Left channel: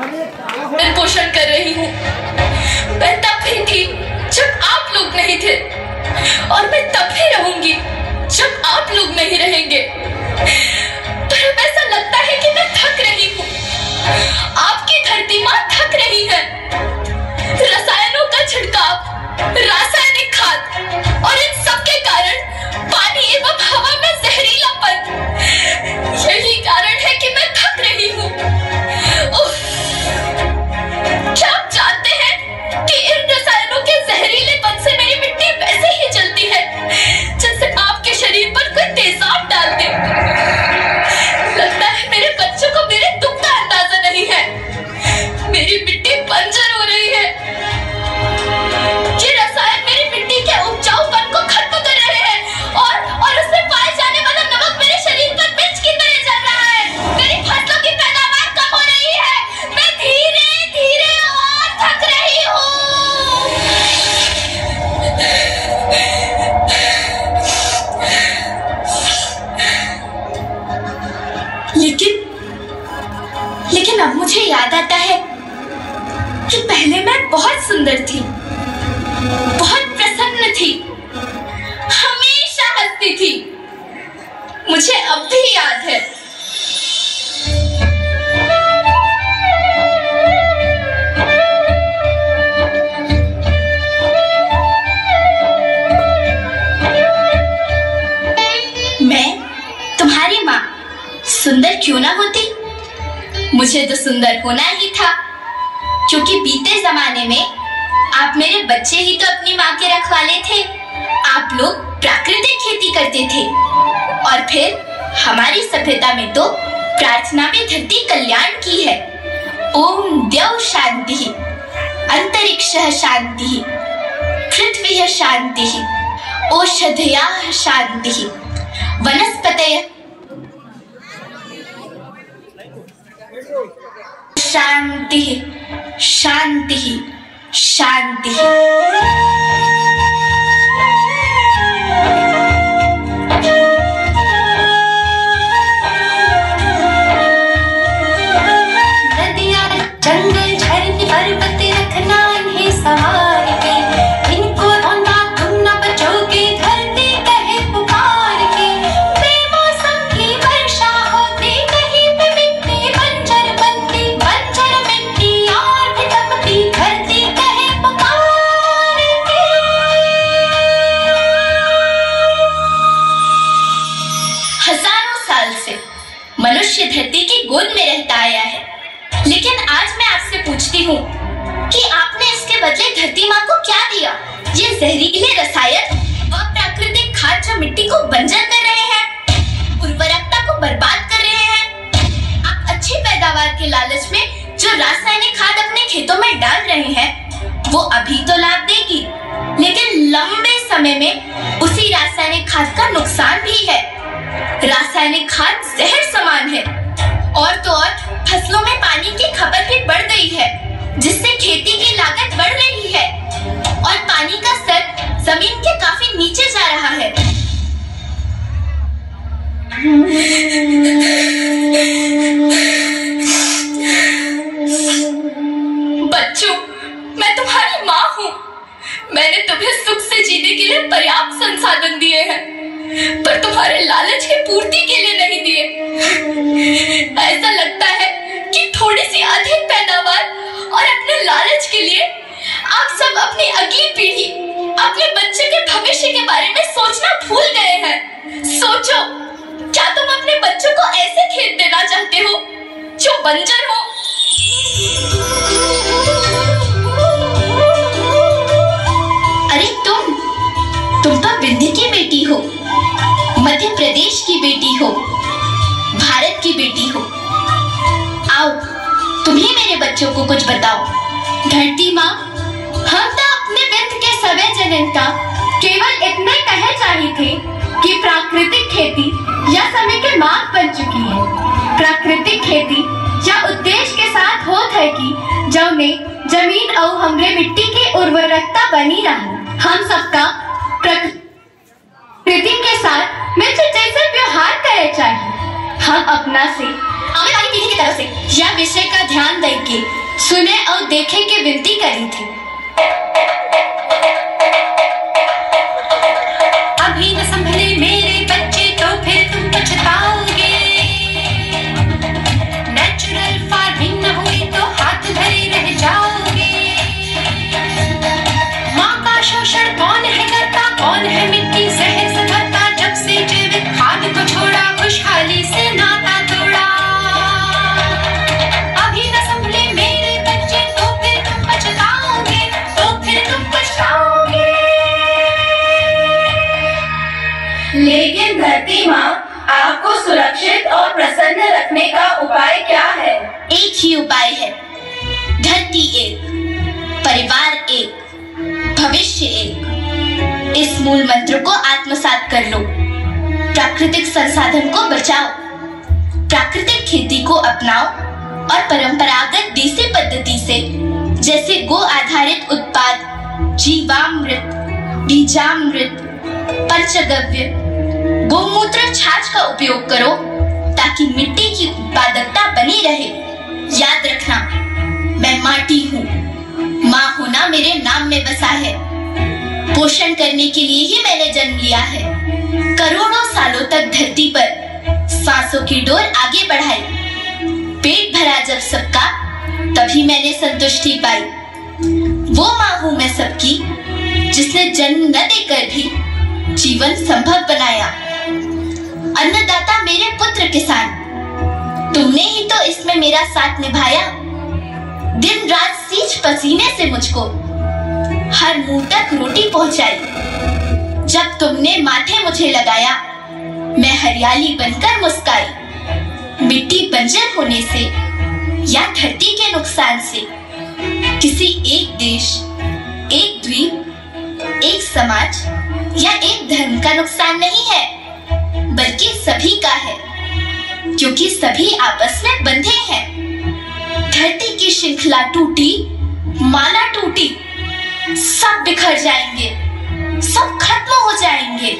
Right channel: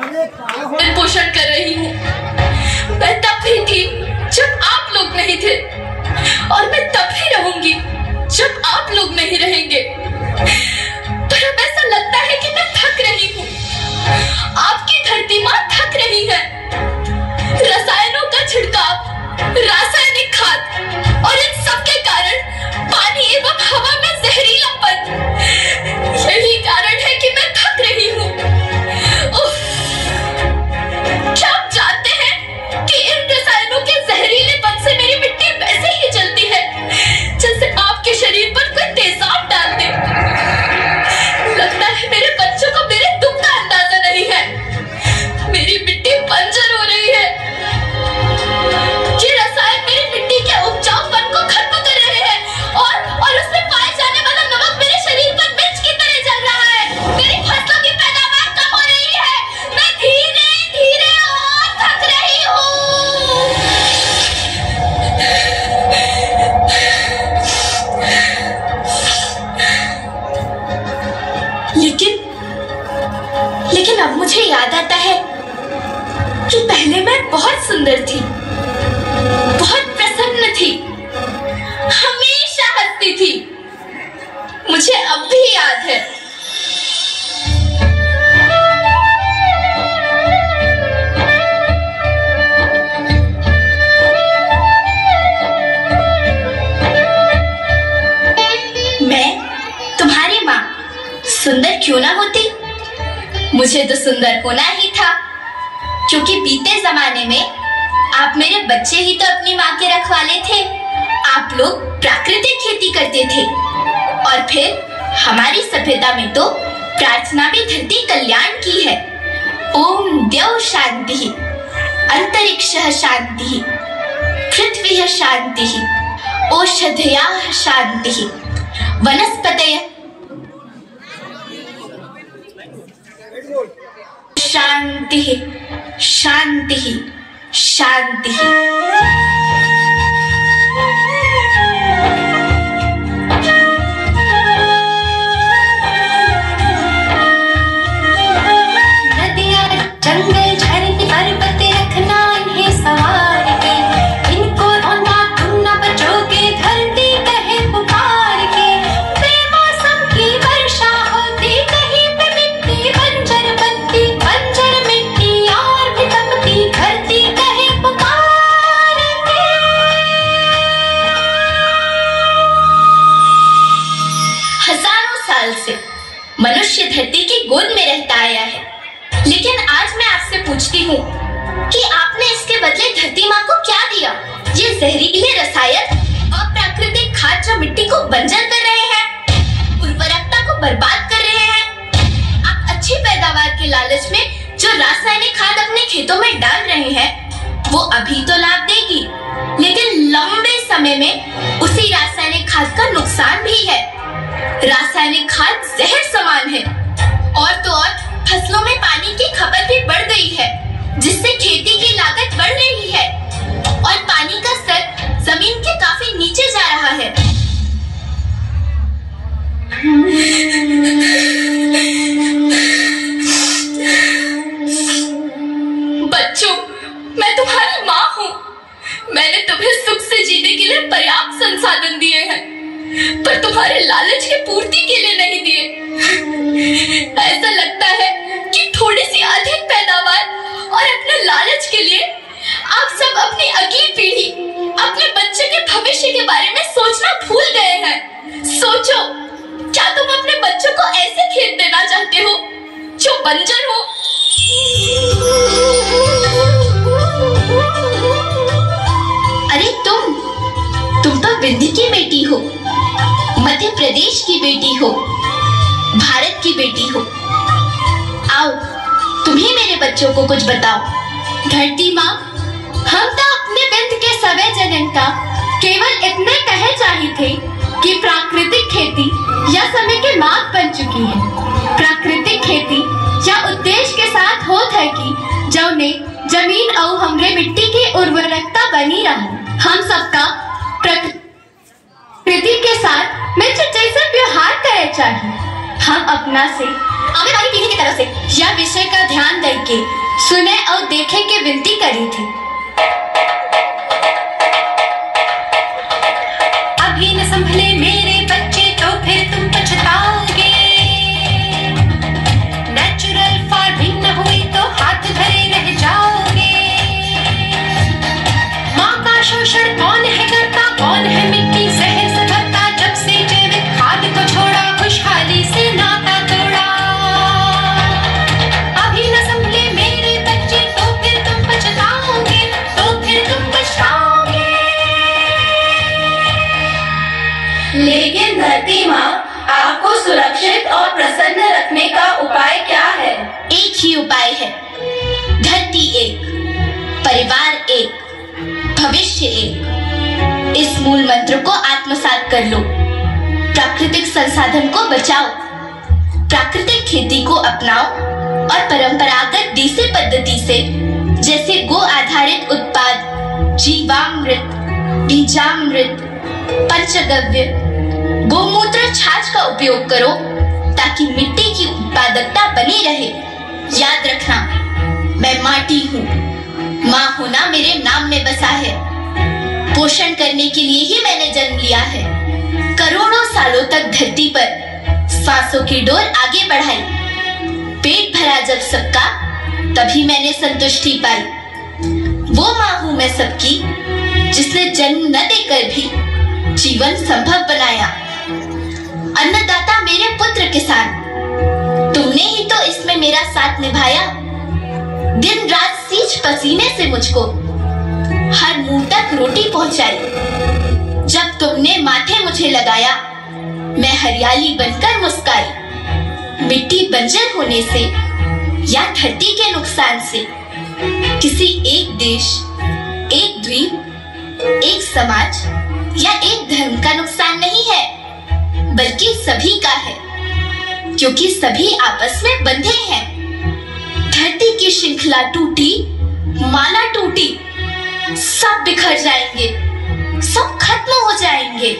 मैं पोषण कर रही हूँ। मैं तब भी थी जब आप लोग नहीं थे, और मैं तब भी रहूंगी जब आप लोग नहीं रहेंगे। पर अब ऐसा लगता है कि मैं थक रही हूँ। आपकी धरती माँ थक रही है। रसायनों का छिड़काव, रासायनिक खाद और इन सब के कारण पानी एवं हवा में जहरीलापन, यही कारण है कि मैं थक रही हूँ। क्या आप जानते हैं कि इन रसायनों के जहरीलेपन से मेरी मिट्टी वैसे ही जलती है जैसे आपके शरीर पर कोई तेजाब डाल दे। लगता है मेरे बच्चों को मेरे दुख का अंदाजा नहीं है। मेरी मिट्टी बंजर हो रही है। ये रसायन मेरी मिट्टी के उपजाऊपन को खत्म कर रहे हैं और उसमें पाए जाने वाला नमक मेरे शरीर पर मिर्च की तरह जल रहा है। मेरी फसलों की पैदावार कम हो रही है। मैं धीरे धीरे और थक रही हूँ। लेकिन अब मुझे याद आता है कि पहले मैं बहुत सुंदर थी, बहुत प्रसन्न थी, हमेशा हंसती थी। मुझे अब भी याद है। मैं तुम्हारी माँ सुंदर क्यों ना होती? मुझे तो सुंदर होना ही था, क्योंकि बीते जमाने में आप मेरे बच्चे ही तो अपनी माँ के रखवाले थे। आप लोग प्राकृतिक खेती करते थे, और फिर हमारी सभ्यता में तो प्रार्थना भी धरती कल्याण की है। ओम द्यौ शांति, अंतरिक्षः शांति, पृथ्वी शांति, औषधयः शांति, वनस्पतयः शांति शांति शांति। नदियाँ, जंगल, झरने, पर्वत रखना इन्हें संवार के, इनको रोना तुम न बचोगे, धरती कहे पुकार के। बेमौसम की वर्षा होती, कहीं पे मिट्टी बंजर बनती, बंजर मिट्टी और भी तपती, धरती कहे पुकार के। हजारों साल से मनुष्य धरती की गोद में रहता आया है, लेकिन आज मैं आपसे पूछती हूँ कि आपने इसके बदले धरती माँ को क्या दिया? ये जहरीले रसायन और प्राकृतिक खाद जो मिट्टी को बंजर कर रहे हैं, उर्वरकता को बर्बाद कर रहे हैं। आप अच्छी पैदावार के लालच में जो रासायनिक खाद अपने खेतों में डाल रहे हैं, वो अभी तो लाभ देगी, लेकिन लंबे समय में उसी रासायनिक खाद का नुकसान भी है। रासायनिक खाद जहर समान है, और तो और फसलों में पानी की खपत भी बढ़ गई है, जिससे खेती की लागत बढ़ रही है और पानी का स्तर जमीन के काफी नीचे जा रहा है। बच्चों, मैं तुम्हारी माँ हूँ। मैंने तुम्हें सुख से जीने के लिए पर्याप्त संसाधन दिए हैं, पर तुम्हारे लालच की पूर्ति के लिए नहीं दिए। ऐसा लगता है कि थोड़ी सी अधिक पैदावार और अपने लालच के लिए आप सब अपनी अगली पीढ़ी, अपने बच्चे के भविष्य के बारे में सोचना भूल गए हैं। सोचो, क्या तुम अपने बच्चों को ऐसे खेत देना चाहते हो जो बंजर हो? अरे तुम तो विंध्य की बेटी हो, मध्य प्रदेश की बेटी हो, भारत की बेटी हो। आओ, तुम ही मेरे बच्चों को कुछ बताओ। धरती माँ, हम तो अपने विंध्य के सवै जनता केवल इतने कहे चाहिए थे कि प्राकृतिक खेती या समय के मार्ग बन चुकी है। प्राकृतिक खेती या उद्देश्य के साथ होत है कि जौने जमीन और हमरे मिट्टी की उर्वरकता बनी रहे। हम सबका प्रकृति के साथ मिलकर जैसे व्यवहार करे चाहिए। हम अपना से आने वाली पीढ़ी की तरफ से यह विषय का ध्यान देके सुने और देखे की विनती करी थी। अभी न संभले मेरे बच्चे तो फिर तुम पछताओगे। नेचुरल फार्मिंग न हुई तो हाथ धरे रह जाओगे। माँ का शोषण कौन है करता, कौन है मिट्टी जहर से भरता। जब से जैविक खाद को छोड़ा, खुशहाली से नाता तोड़ा। अभी न संभले मेरे बच्चे तो फिर तुम पछताओगे, तो फिर तुम पछताओगे। लेकिन धरती माँ, आपको सुरक्षित और प्रसन्न रखने का उपाय क्या है? एक ही उपाय है, धरती एक, परिवार एक, भविष्य एक। इस मूल मंत्र को आत्मसात कर लो। प्राकृतिक संसाधन को बचाओ, प्राकृतिक खेती को अपनाओ और परंपरागत देसी पद्धति से जैसे गो आधारित उत्पाद, जीवामृत, बीजामृत, पंचगव्य, गोमूत्र, छाछ का उपयोग करो ताकि मिट्टी की उत्पादकता बनी रहे। याद रखना, मैं माटी हूँ, माँ होना मेरे नाम में बसा है। पोषण करने के लिए ही मैंने जन्म लिया है। करोड़ों सालों तक धरती पर सांसों की डोर आगे बढ़ाई। पेट भरा जब सबका, तभी मैंने संतुष्टि पाई। वो माँ हूँ मैं सबकी, जिसने जन्म न देकर भी जीवन संभव बनाया। अन्नदाता मेरे पुत्र किसान, तुमने ही तो इसमें मेरा साथ निभाया। दिन रात सींच पसीने से मुझको हर मुंह तक रोटी पहुंचाई। जब तुमने माथे मुझे लगाया, मैं हरियाली बनकर मुस्काई। मिट्टी बंजर होने से या धरती के नुकसान से किसी एक देश, एक द्वीप, एक समाज या एक धर्म का नुकसान नहीं है, बल्कि सभी का है, क्योंकि सभी आपस में बंधे हैं। धरती की श्रृंखला टूटी, माला टूटी, सब बिखर जाएंगे, सब खत्म हो जाएंगे।